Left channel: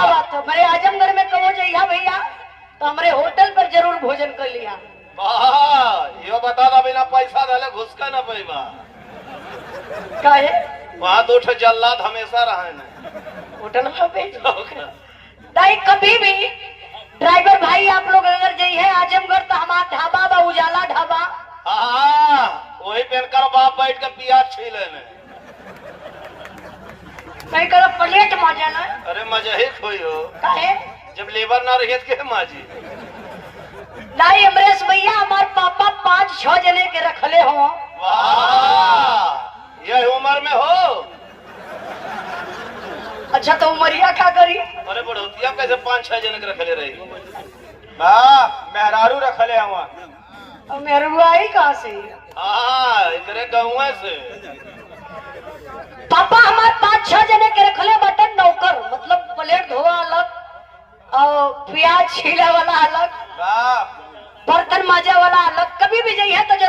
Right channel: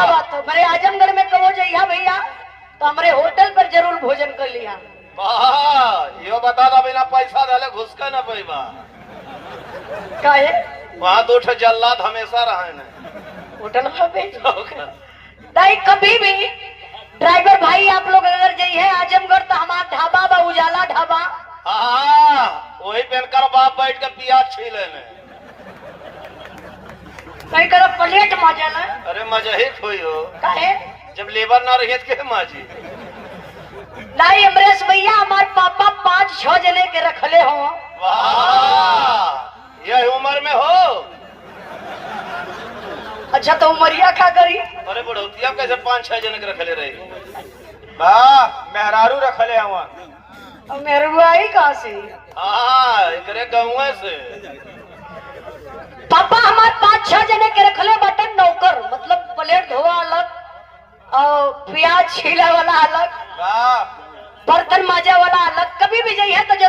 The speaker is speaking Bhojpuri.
क्या बात है, मेरे आजमगढ़ में कहो जइया भैया तो हमारे होटल पर जरूर भोजन कर लिया। वाह, यो बता दा बिना पैसा डाले घुस का ना पैबा। क्या है वहाँ दो ठो जल्लाद हमेशा रहे न। होटल पे नहीं कभी भी ड्राइवर भाई आप लोग अगर जाइए आजमगढ़ तो हमारा ढाबा बा उजाला ढाबा। हाँ, वही पहनकर बाप बैठ के प्याज छीले में। कहीं कर प्लेट मजा ना। अरे मजा ही खोई हो। काहे जब लेबर ना रही के माजी। नहीं अमरेश भैया हमारे पापा 5-6 जने के रखले हो। वाह, यह उम्र में हो। अच्छा तो उमरिया क्या करी? अरे बढ़ोतिया कैसे 5-6 जन के रखले रही? मेहरारू रखले हवा। और मेरे आई कहाँ से? हाँ, इतने गाँव से। पापा हमारे 5-6 जने के रखले बटन नौकर, मतलब प्लेट धोआ अलग और प्याज छीला वाला अलग, बर्तन माजा वाला अलग। कभी भी जाइए तो